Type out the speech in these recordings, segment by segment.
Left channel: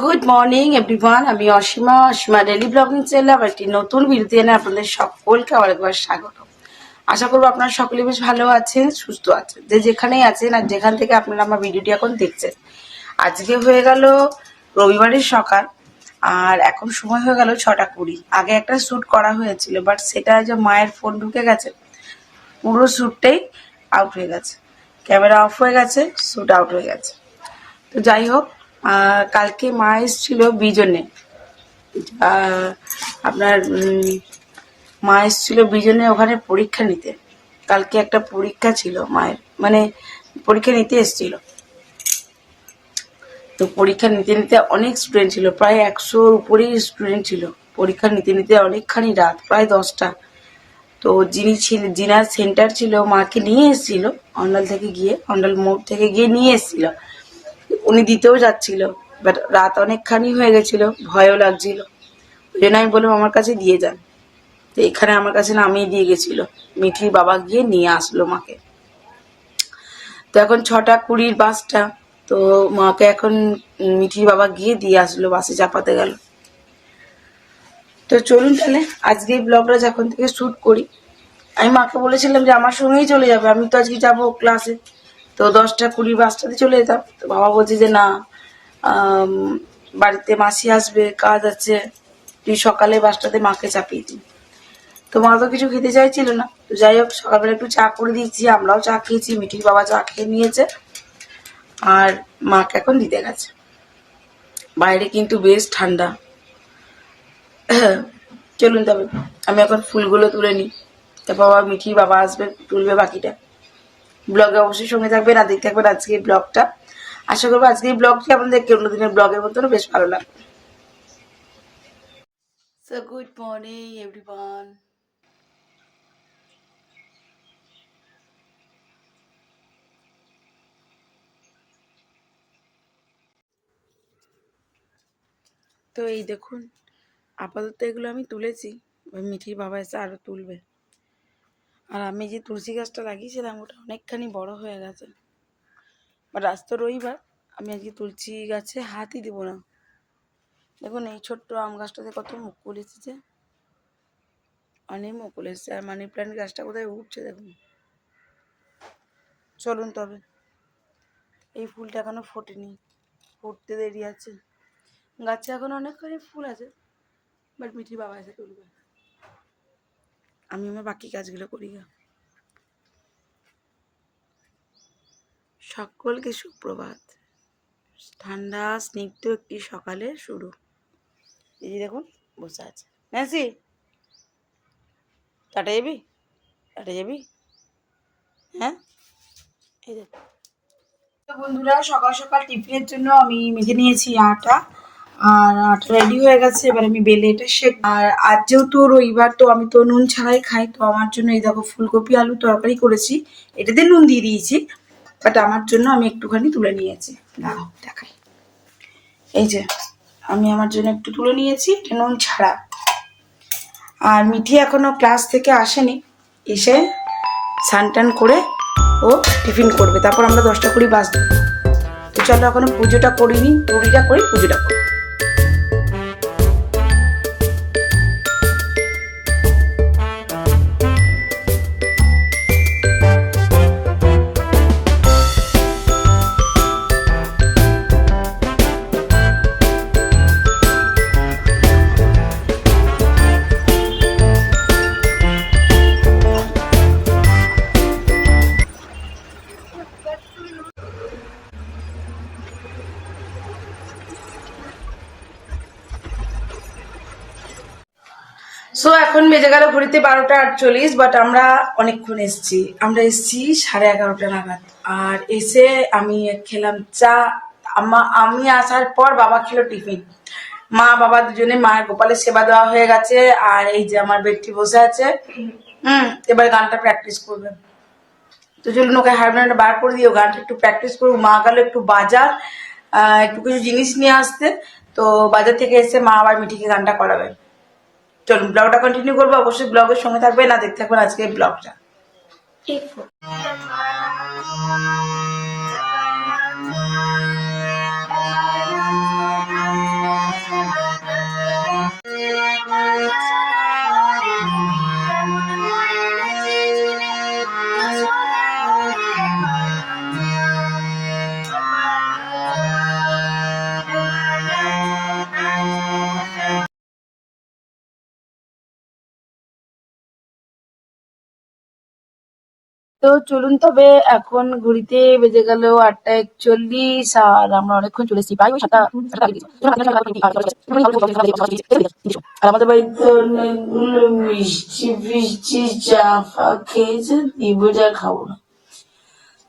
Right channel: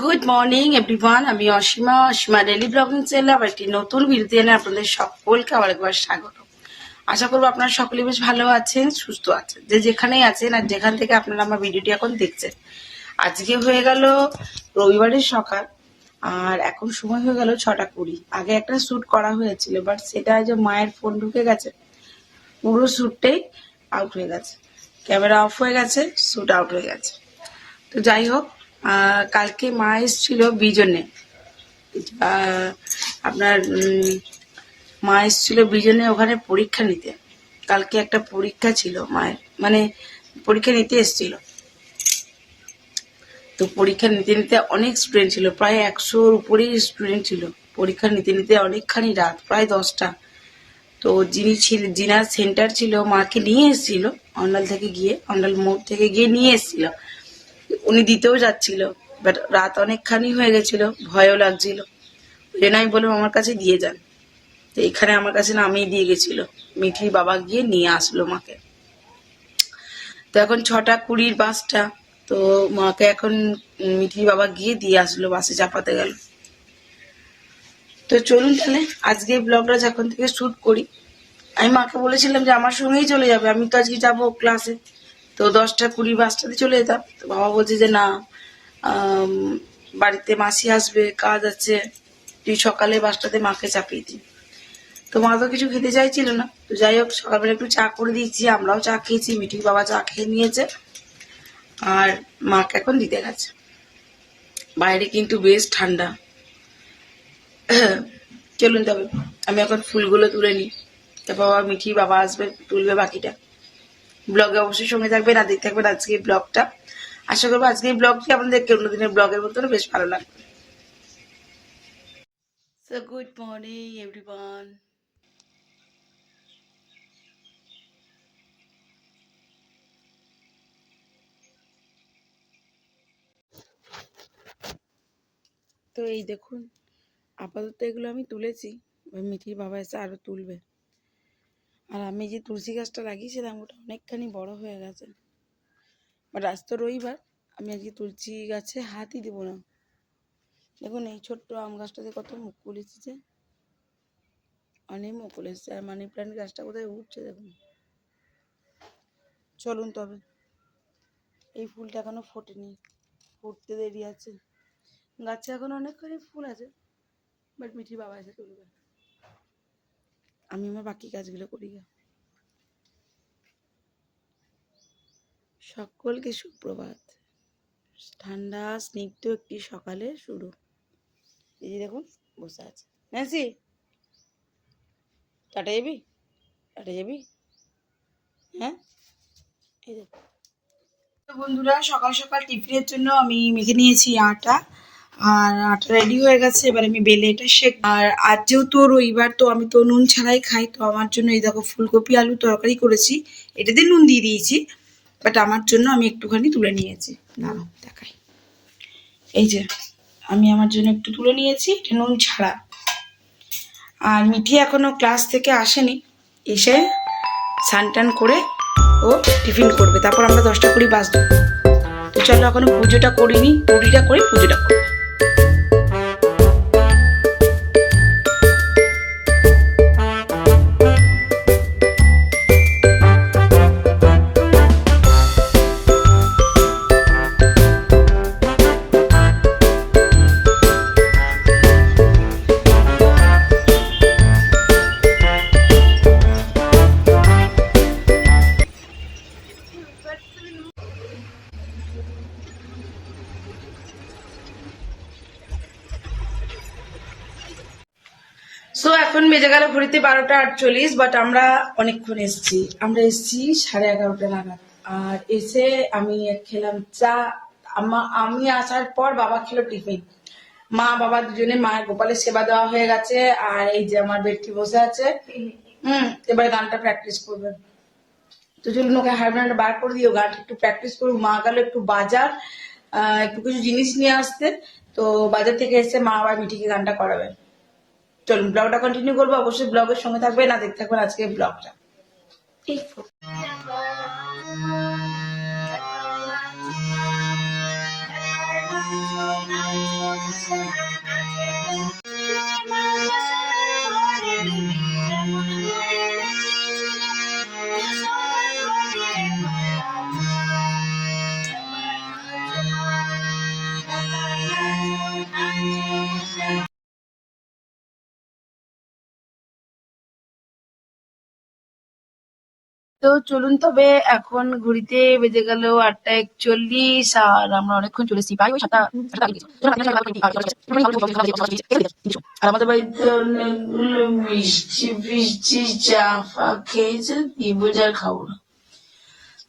Good morning everyone, আমি Asima daily blogging চ্যানেলে আবার একটি নতুন ভিডিওতে এনে আপনাদের সকলকে আরেকবার স্বাগত। আশা করবো আপনারা সকলে বেশ ভালো আছেন, সুস্থ আছেন, যে যেখানেই আছেন আর যেখান থেকে আপনারা আমার ভিডিওটি এখন দেখছেন। আজকে হয়ে গেল রবিবারের সকাল, আর এখন সময় হয়ে গেল 6:20। আগে একটা শ্যুট করা হয়েছিল, বাট সেটা যে মায়ের ফোন ঢুকে গেছে, পুরো শ্যুটটাই আউট হয়ে গেছে, ক্যামেরা অফ হয়ে গেছে, শ্যুট আউট হয়ে গেছে। তো যাই হোক, কালকে মা এসেছিল বিজনে, আপনার মা এসেছিল বিজনে ওখানে পরীক্ষা নিতে। কালকে একটা পরীক্ষা ছিল মায়ের, মানে পরীক্ষা নিতে এসেছিল। তো পরীক্ষা নিতে নিতে অনেক স্টুডেন্ট ছিল, প্রায় 100-র উপরেই স্টুডেন্ট ছিল। পরীক্ষা নিতে নিতে অনেকখানি রাত, প্রায় 10টা। তো যিনার সেন্টার ছিল, মাকে নিয়ে এসেছিল অন্ডাল থেকে গিয়ে, অন্ডাল মোড় থেকে গিয়ে নিয়ে এসেছিল। উনি দিতেও যাচ্ছিল, বাট রাত অনেকখানি হয়ে গেছিল, ভয়ও লাগছিল। ওই জন্য আমি বললাম আমার কাছে দিয়ে যান। তো এখানে আমার কাছে নামিয়ে দিয়ে গেছিল, মিঠির বাবা গিয়ে নিয়ে আসলো মাকে। তো এখন 6:20 বাসটা, তো মাকে এখন মিঠির বাবা গিয়ে দিয়ে আসলো, বাসে চাপাতে গেল। তো চলুন তাহলে আজকে এই ব্লগটা যখন থেকে শ্যুট করি। আমি মাকে বলেছিলাম যে আমার সঙ্গেই চলে যাবে, আমি তো আজকে যাবো ক্লাসে। তো 10:20 বাসটাতে চলে যেতাম। তো বাবা বলছে যে না, বাড়িতে মাসি আসবে, কাজ আছে, তুই সকালে বাসটাতে মাকে চাপিয়ে দিই। তো মা তো কিছু খেতে চাইছিল না। তো যাই হোক, সকালবেলা একটু চা করে দিয়েছি, আমরাও চা খেয়েছি, মিঠির বাবা চা খেয়ে নিয়েছে, আর মাকে এখন দিতে গেছে। বাইরে কিন্তু বেশ ঠান্ডা। চলুন তবে আমি এখন ফুলগুলো তুলে নিই, তারপর আবার মিঠির বাবা আসবে, তুলবে বাকিটা। ব্লগে অবশ্যই সঙ্গে থাকবেন আর দেখতে থাকবেন আজকের ব্লগটা। আশা করবো আজকের ব্লগটি আপনাদেরকে অন্যদিনের ব্লগের মতন বেশ ভালো লাগবে। So good morning everyone. তো এই দেখুন, আপাতত এগুলো আমি তুলেছি, মিঠির বাবা এসে আরো তুলবে। আর আমি যে তুলসী গাছটা লাগিয়েছিলাম ওটা অনেকখানি বড় হয়ে গেছে, বাট আজ তো রবিবার, আমি আজকে তুলসী গাছে হাতই দিব না। দেখুন এই ছোট্ট আম গাছটাতে কত মুকুল এসেছে, অনেক মুকুল এসেছে। আর মানি প্ল্যান্ট গাছটা কোথায় উঠছে দেখুন। চলুন তবে, এই ফুলটা এখনো ফোটেনি, ফুটতে দেরি আছে। গাছে এখন অনেকখানি ফুল আছে, বাট মিঠি বাবা এসে তুলবে, আমি আমার বাকি কাজগুলো করি গা। সকলকে সুপ্রভাত। ঠান্ডা স্নিগ্ধ একটি সকালে শুরু। এই যে দেখুন বসে আছে। ন্যান্সি, টাটা যাবি? টাটা যাবি? হ্যাঁ, এই দেখ। বন্ধুরা, সকাল সকাল টিফিনের জন্য আমি মেখে নিয়েছি আটা, আর আটা রেডি হয়ে গেছে। এবার আমি বেলে এটা শেখ। আর আজ যেহেতু রবিবার, তো আমি তো নুন ছাড়াই খাই। তো আমার জন্য এই দেখো ফুলকপি আলু তরকারি করেছি, এটাতে নুন দিয়ে দিয়েছি, বাট আমার জন্য আমি একটুখানি তুলে নিয়েছি। দাঁড়াও দেখাই, এই যে আমি আমার জন্য একটু তুলে নিয়েছি, এটা নুন ছাড়া। আর মিঠি এখনো ক্লাস থেকে আসেনি, এসে স্নান টান করে ও টিফিন করবে, তারপর আমরা 10:20 বাস দেবো। তো চলো এখনো পুজোটা করিনি, পুরিটা করি, পুজোটা করি। সো এখন বেজে গেল ঘড়িতে 12:48, বাট আমরা অনেকক্ষণ এসেছি। আমরা এসেছি 11:30 নাগাদ। আর এসে আমি খেলাম চা। আমি আসার পর বাবা খেলো টিফিন। মা বাবা দুজনে, মায়ের গোপালের সেবা দেওয়া হয়ে গেছে। আর এই যে আমার বেডটি বসে আছে, এবারে গানটা প্র্যাকটিস করবে। তো চলুন ওকে হারমোনিয়ামটা বার করে দিও, গানটা একটু প্র্যাকটিস করবো। মা গেল একটু বাজার, একটু কিছু জিনিস নিয়ে আসতে। তো বাজার থেকে এসে মা আবার মিঠিকে গানটা করাবে। চলুন ব্লগটা কন্টিনিউ করবো, অবশ্যই ব্লগের সঙ্গে থাকবেন না, দেখতে থাকবেন আজকে এই ব্লগটা। তো চলুন তবে এখন ঘড়িতে বেজে গেল 8:41 আর আমরা অনেকক্ষণ চলেছি প্রায় ওই 7টা। আর আমাদের বাড়িতে অনেকগুলো মিষ্টি ফিষ্টি চা ফা খেয়েছে, নিবুজা খাবো না।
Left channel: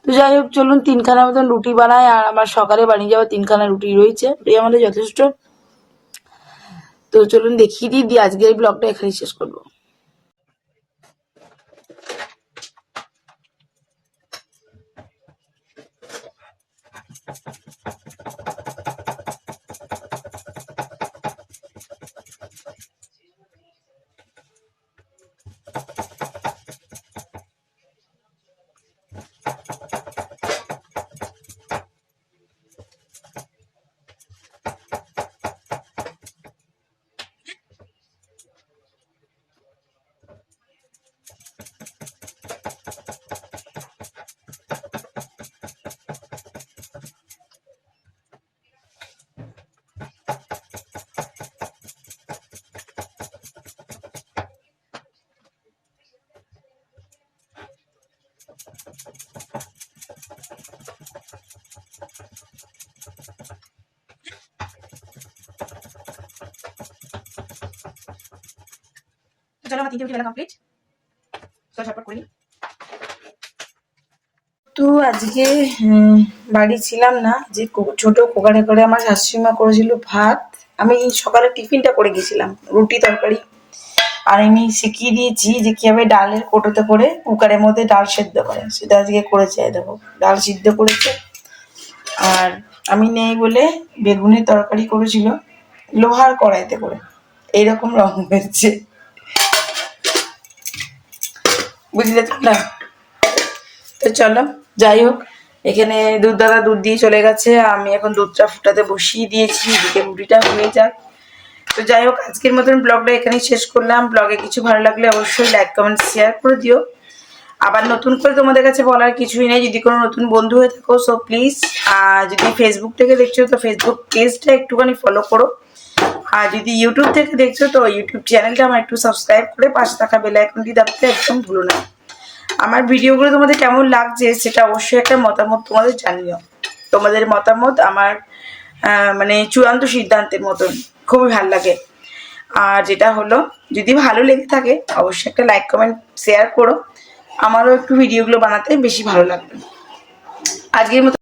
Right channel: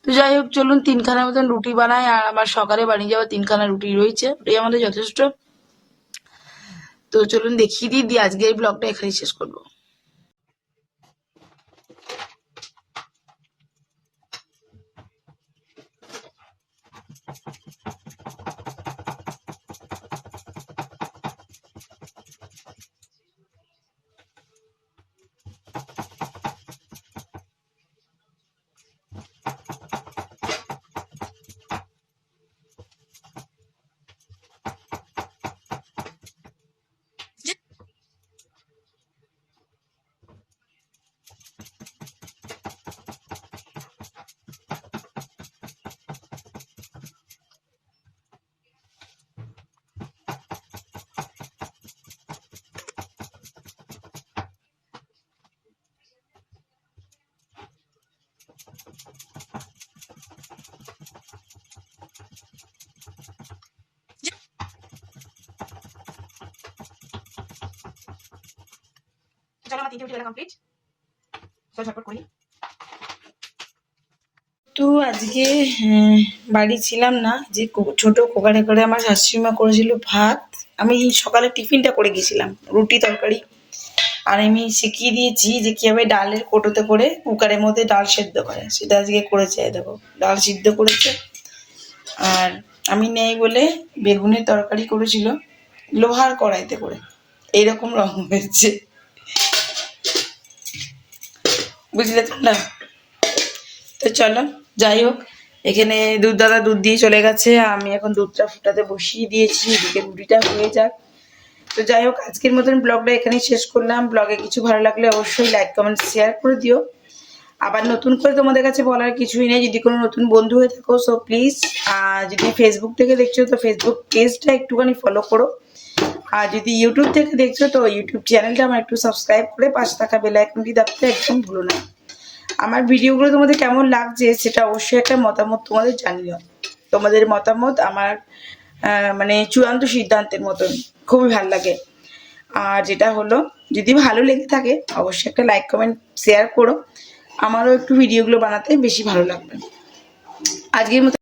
তো যাই হোক চলুন 3খানা মতন রুটি বানাই, আর আমার সকালে বানিয়ে যাওয়া 3খানা রুটি রয়েছে, রুটি আমাদের যথেষ্ট। তো চলুন দেখিয়ে দিই আজকের ব্লগটা এখানেই শেষ করবো। চলো আমার 3টে রুটি বেলা কমপ্লিট। চলো ঝটপট করি। তো আজকে বাড়ি ছিলাম না, যে ছোট কুকারে করে আমার শাশুড়িমা করেছিল ভাত। আমি সকালে টিফিনটা করে গেছিলাম, রুটি তরকারি। আর আমি শিখিয়ে দিয়েছি যে কিভাবে ডালের কোটোতে করে কুকারের মধ্যে ডাল সেদ্ধ করে, সেটা আজকে করেছে। দেখো ডাল সিদ্ধ করেছে। আর আমি নেই বলে বেগুনের তরকারি করেছিল লোহার কড়াইতে করে, এইরকম রং হয়েছে, বুঝলে তোমরা? তো চলো যাই হোক, এখানে দুধ দিয়ে চলে গেছে, আমি এখন দুধটা ফুটাতে বসিয়ে দিয়েছি, দুধের রুটিটা হয়ে যাক। তো যাই হোক আজকের মতন ব্লগটা এখানেই শেষ করলাম। ব্লগে কিছু ভালো লাগলে অবশ্যই লাইক কমেন্ট শেয়ার করে দিও। আবার নতুন করে তোমাদের কাছে বলার কিছুই নেই, যদি কোনো নতুন বন্ধু হয়ে থাকো সো প্লিজ, যদি ফেসবুক থেকে দেখছো তো ফেসবুক পেজটা একটুখানি ফলো করো, আর যদি ইউটিউব থেকে দেখছো তো ইউটিউব চ্যানেলটা আমার একটু সাবস্ক্রাইব করে পাশে থাকা বেল আইকনটি দাবতে একদম ভুলো না। আমার ভিডিওগুলো তোমাদের কেমন লাগছে সেটা অবশ্যই একটা মতামত তোমাদের জানিও। তোমাদের মতামত আমার মানে চূড়ান্ত সিদ্ধান্তের মতন, খুবই ভালো লাগে। আর যেটা হলো, যদি ভালো লেগে থাকে অবশ্যই একটা লাইক কমেন্ট শেয়ার করো, আমারও একটু ভিডিওগুলো বানাতে বেশি ভালো লাগবে। আজকের মতো